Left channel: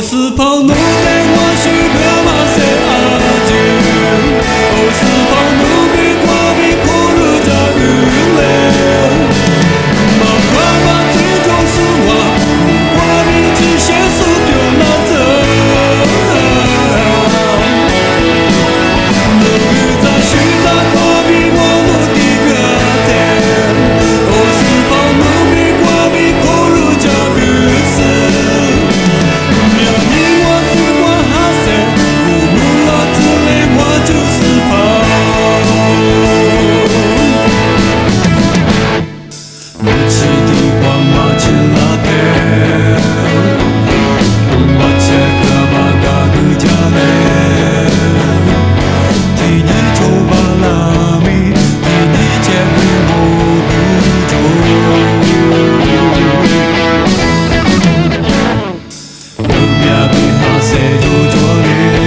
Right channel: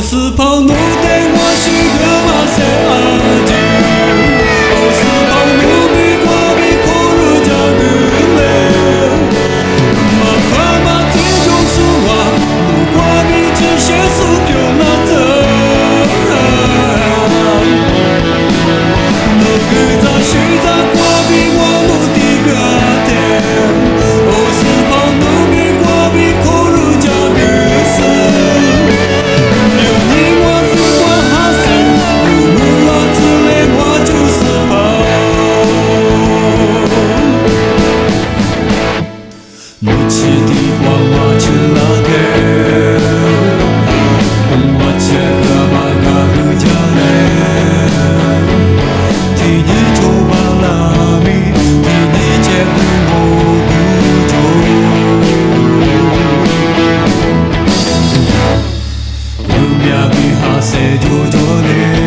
是跑路的我是个马赛阿吉，我是跑路比过比过路加个嘞，马快马最就是我，路过比只写书丢那着，路个在虚在过比我路的个天，我是跑路比过比过路加个是。我就是跑，你起的光我去那天，我切个马嘎个家嘞，替你抽巴拉米，替你切个我不中，我命比哈塞就着嘞。